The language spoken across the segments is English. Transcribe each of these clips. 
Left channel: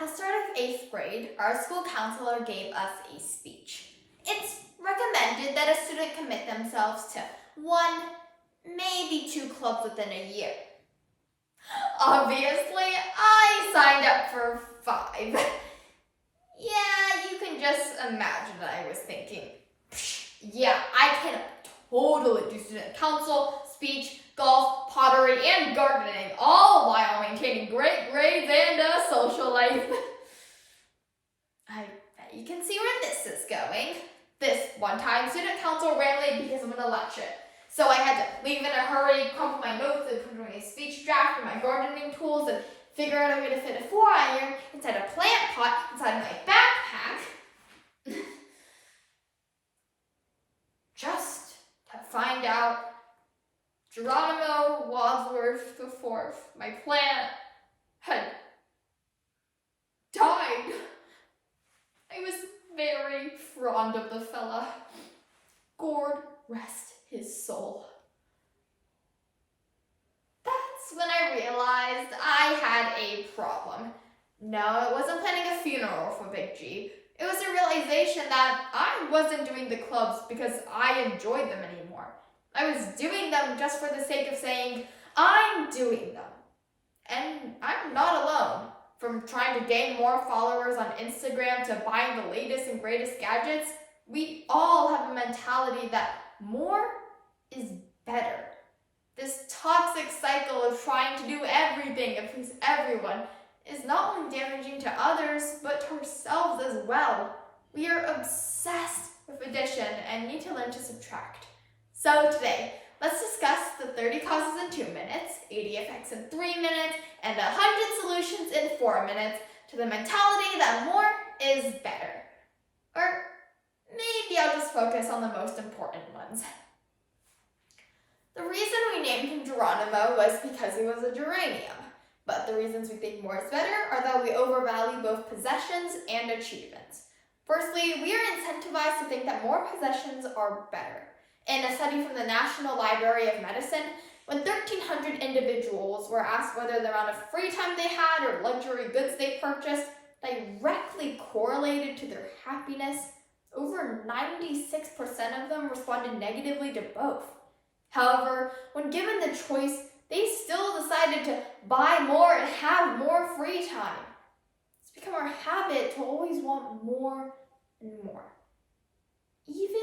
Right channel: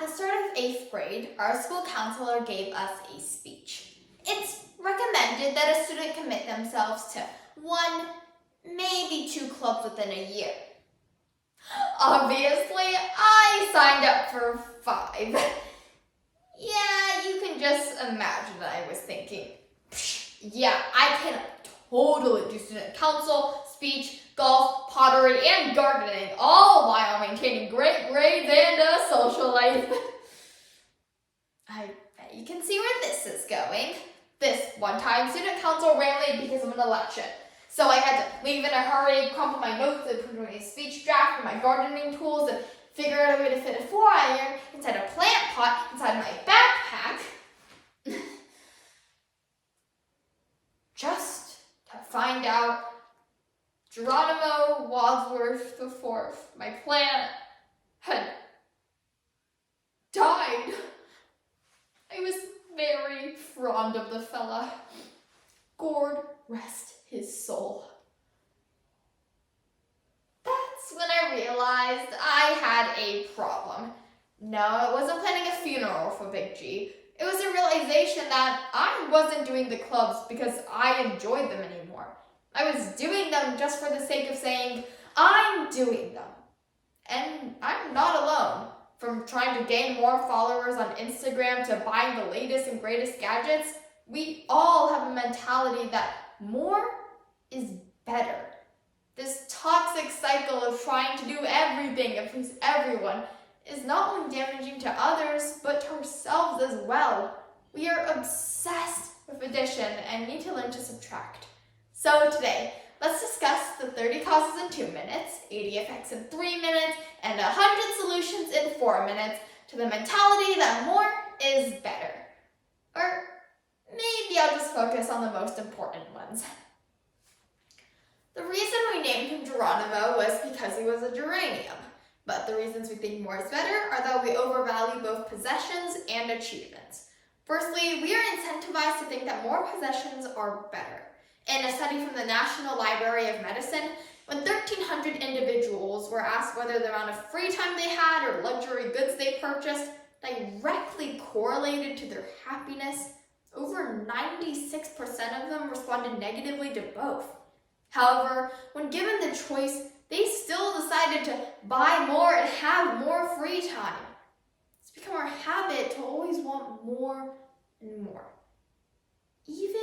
At the start of 8th grade, our school counselor gave us a speech. It's recommended that a student commit themselves to 1, maybe 2 clubs within a year. Obviously, I signed up for 5. Yeah, you can just imagine what I was thinking. Yeah, I can totally do student council, speech, golf, pottery, and gardening, all while maintaining great grades and a social life. I bet you can see where this is going. This one time, student council ran late because of an election. So I had to leave in a hurry, crumple my notes, and put away a speech draft and my gardening tools, and figure out a way to fit a 4-iron inside a plant pot inside my backpack. Just to find out Geronimo Wadsworth IV, my plant, had died. I was very fond of the fella. God rest his soul. That's when I realized I had a problem. No, it wasn't planning a funeral for Big G. It was a realization that I wasn't doing the clubs because I enjoyed them anymore. I was doing them just for the sake of saying, I'm doing them. And I'm not alone. From trying to gain more followers on Instagram to buying the latest and greatest gadgets, we all have a mentality that more is better. This toxic cycle of trying to do everything and please everyone is not only damaging to others, but to ourselves as well. We are obsessed with addition and need to learn to subtract. So today, let's discuss the 30 causes in 2 minutes, 80 effects in 3 minutes, and 100 solutions in 4 minutes to the mentality that more is better. Or maybe I'll just focus on the most important ones. The reason we named him Geronimo was because he was a geranium. But the reasons we think more is better are that we overvalue both possessions and achievements. Firstly, we are incentivized to think that more possessions are better. In a study from the National Library of Medicine, when 1,300 individuals were asked whether the amount of free time they had or luxury goods they purchased directly correlated to their happiness, over 96% of them responded negatively to both. However, when given the choice, they still decided to buy more and have more free time. It's become our habit to always want more and more, even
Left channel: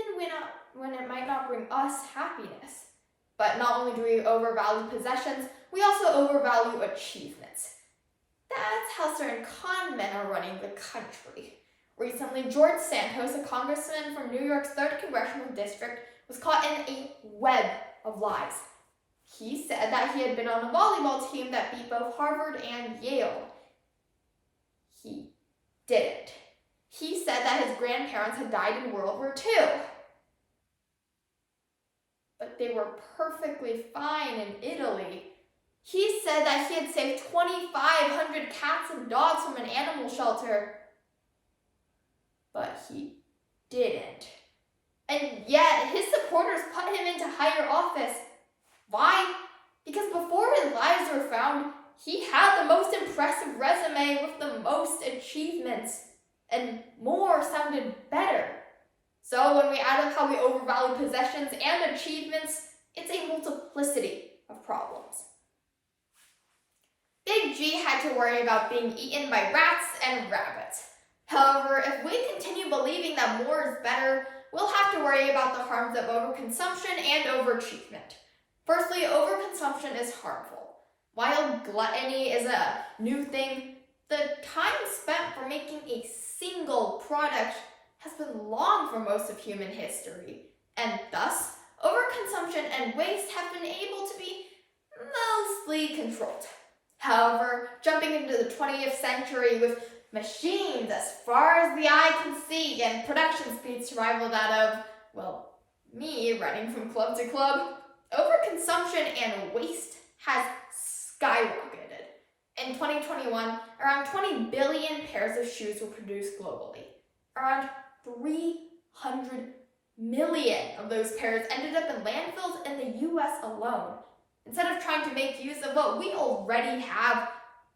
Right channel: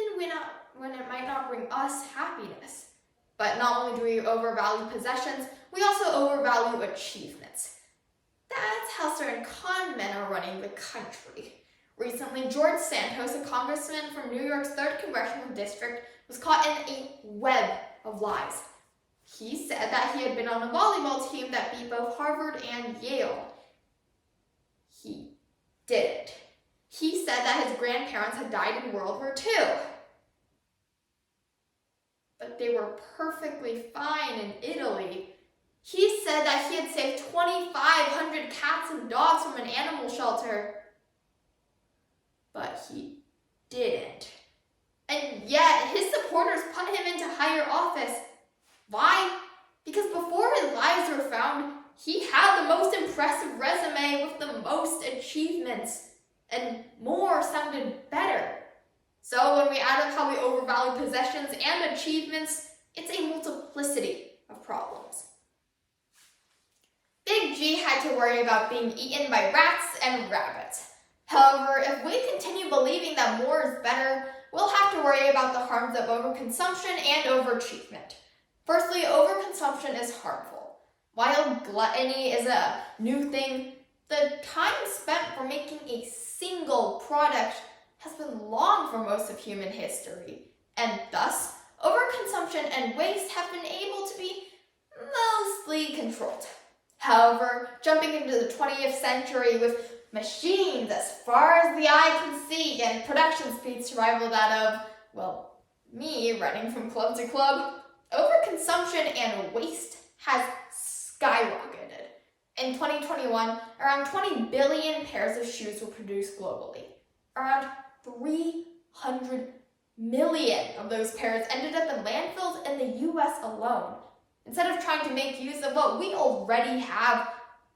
when it might not bring us happiness. But not only do we overvalue possessions, we also overvalue achievements. That's how certain con men are running the country. Recently, George Santos, a congressman from New York's 3rd Congressional District, was caught in a web of lies. He said that he had been on a volleyball team that beat both Harvard and Yale. He didn't. He said that his grandparents had died in World War II. But they were perfectly fine in Italy. He said that he had saved 2,500 cats and dogs from an animal shelter. But he didn't. And yet, his supporters put him into higher office. Why? Because before his lies were found, he had the most impressive resume with the most achievements. And more sounded better. So when we add up how we overvalue possessions and achievements, it's a multiplicity of problems. Big G had to worry about being eaten by rats and rabbits. However, if we continue believing that more is better, we'll have to worry about the harms of overconsumption and overachievement. Firstly, overconsumption is harmful. While gluttony is a new thing, the time spent for making a single product has been long for most of human history, and thus, overconsumption and waste have been able to be mostly controlled. However, jumping into the 20th century with machines as far as the eye can see and production speeds to rival that of, well, me running from club to club, overconsumption and waste has skyrocketed. In 2021, around 20 billion pairs of shoes were produced globally. Around 300 million of those pairs ended up in landfills in the US alone. Instead of trying to make use of what we already have,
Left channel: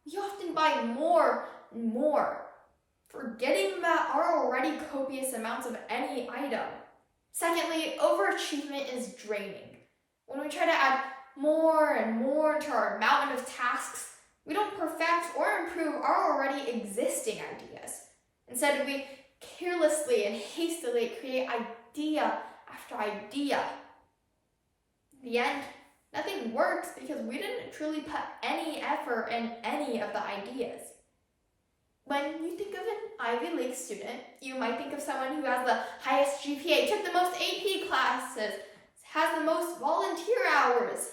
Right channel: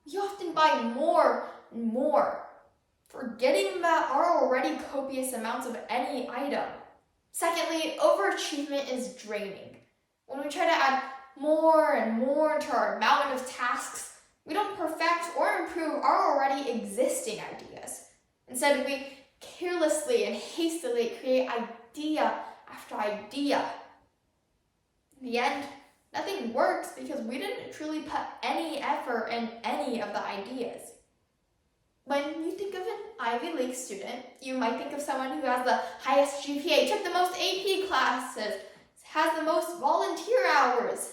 we often buy more and more, forgetting about our already copious amounts of any item. Secondly, overachievement is draining. When we try to add more and more to our mountain of tasks, we don't perfect or improve our already existing ideas. Instead, we carelessly and hastily create idea after idea. In the end, nothing works because we didn't truly put any effort in any of the ideas. When you think of an Ivy League student, you might think of someone who has the highest GPA, took the most AP classes, has the most volunteer hours.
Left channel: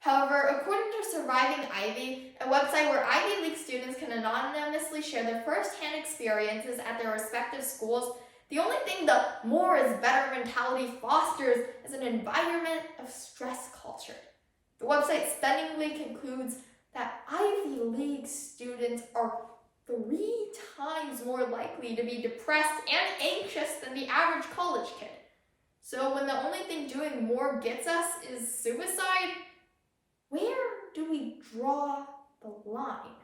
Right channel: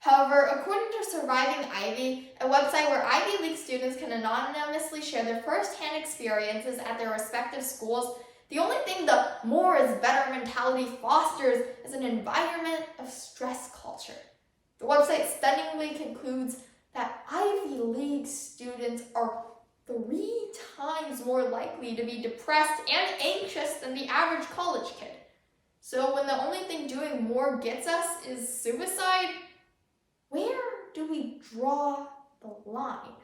However, according to Surviving Ivy, a website where Ivy League students can anonymously share their first-hand experiences at their respective schools, the only thing the more is better mentality fosters is an environment of stress culture. The website stunningly concludes that Ivy League students are 3 times more likely to be depressed and anxious than the average college kid. So when the only thing doing more gets us is suicide, where do we draw the line?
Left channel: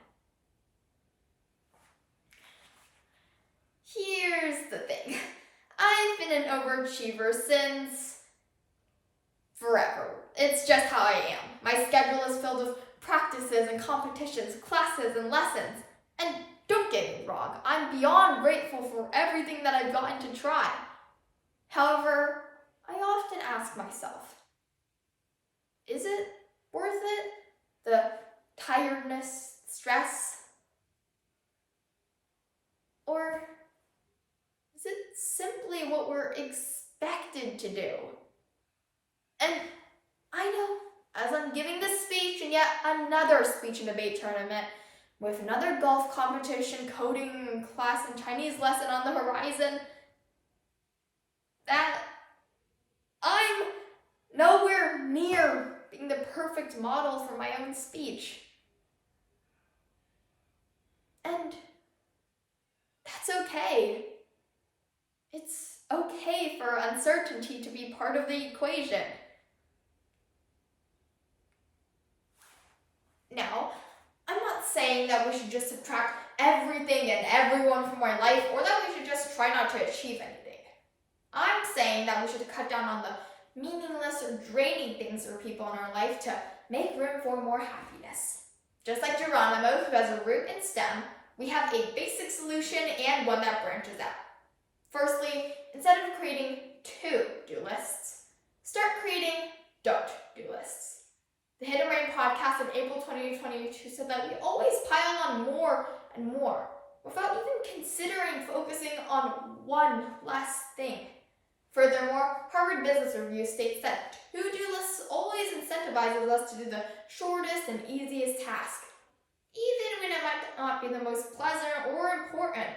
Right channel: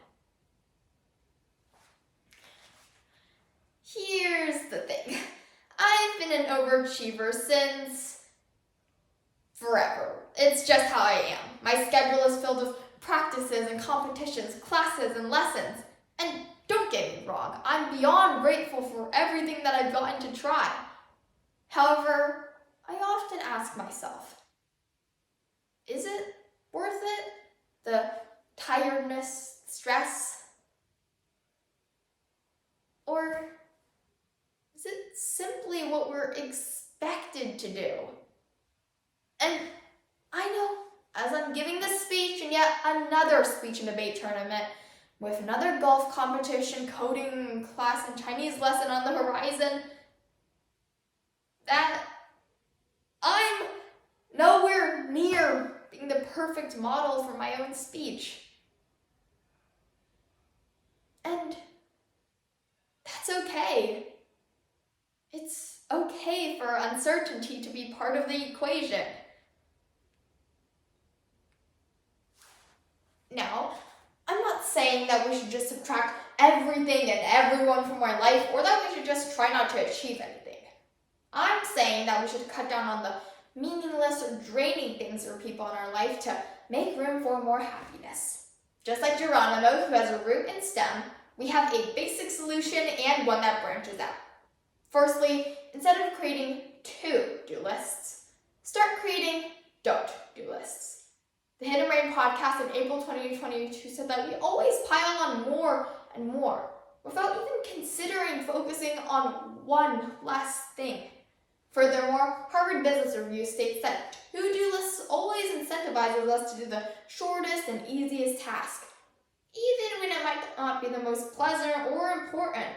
Here's the thing. I've been an overachiever since forever. It's just how I am. My schedule is filled with practices and competitions, classes and lessons. And don't get me wrong, I'm beyond grateful for everything that I've gotten to try. However, I often ask myself, is it worth it? The tiredness, stress? Or is it simply what we're expected to do? And I know, as I'm giving this speech and yet another speech and debate tournament, with another golf competition, coding class, and Chinese lesson on the horizon, that I'm nowhere near being the perfect model for my own speech. And that's okay. It's okay for uncertainty to be part of the equation. Now, I'm not saying that we should just subtract everything and everyone from our life, or that we should just try not to achieve anything. I'm saying that we should cut down on the meaningless or draining things for people in our life to make room for more happiness. Just like Geronimo, who has a root and stem, we have a basic solution and one that branches out. Firstly, instead of creating to-do lists, start creating don't-do lists. The Hidden Brain podcast in April 2022 said that we always pile on more and more without even considering focusing on one last thing. Furthermore, Harvard Business Review states that to-do lists always incentivizes us to do the shortest and easiest task, even when it might not be the most pleasant or important.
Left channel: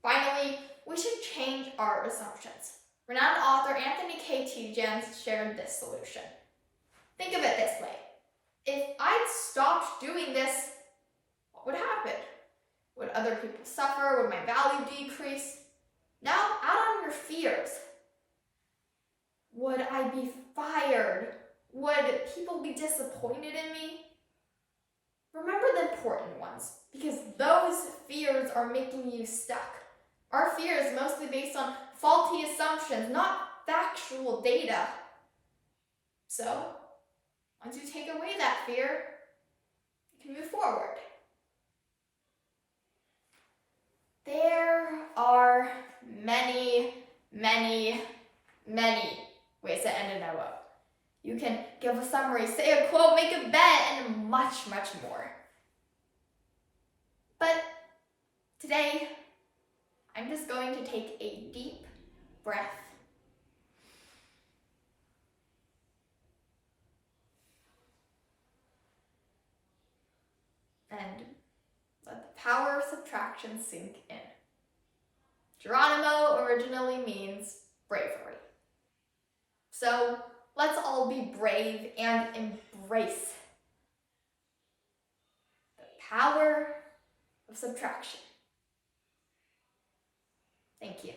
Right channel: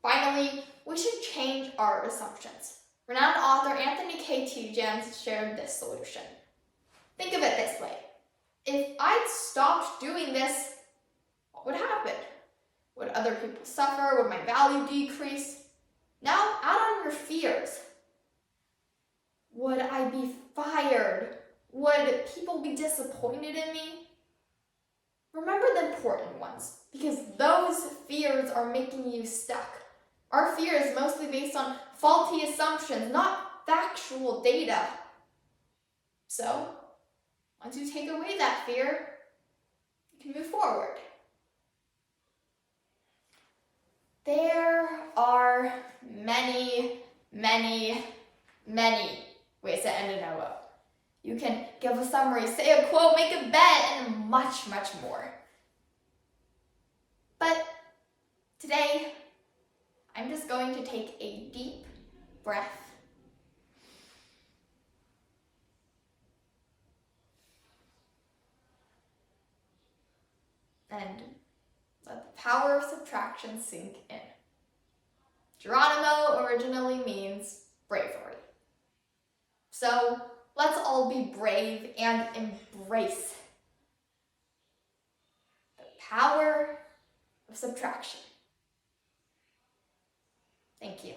Finally, we should change our assumptions. Renowned author Anthony K. Tjans shared this solution. Think of it this way. If I'd stopped doing this, what would happen? Would other people suffer? Would my value decrease? Now, add on your fears. Would I be fired? Would people be disappointed in me? Remember the important ones, because those fears are making you stuck. Our fear is mostly based on faulty assumptions, not factual data. So, once you take away that fear, you can move forward. There are many, many, many ways to end a NOO. You can give a summary, say a quote, make a bet, and much, much more. But today, I'm just going to take a deep breath. And let the power of subtraction sink in. Geronimo originally means bravery. So let's all be brave and embrace the power of subtraction. Thank you.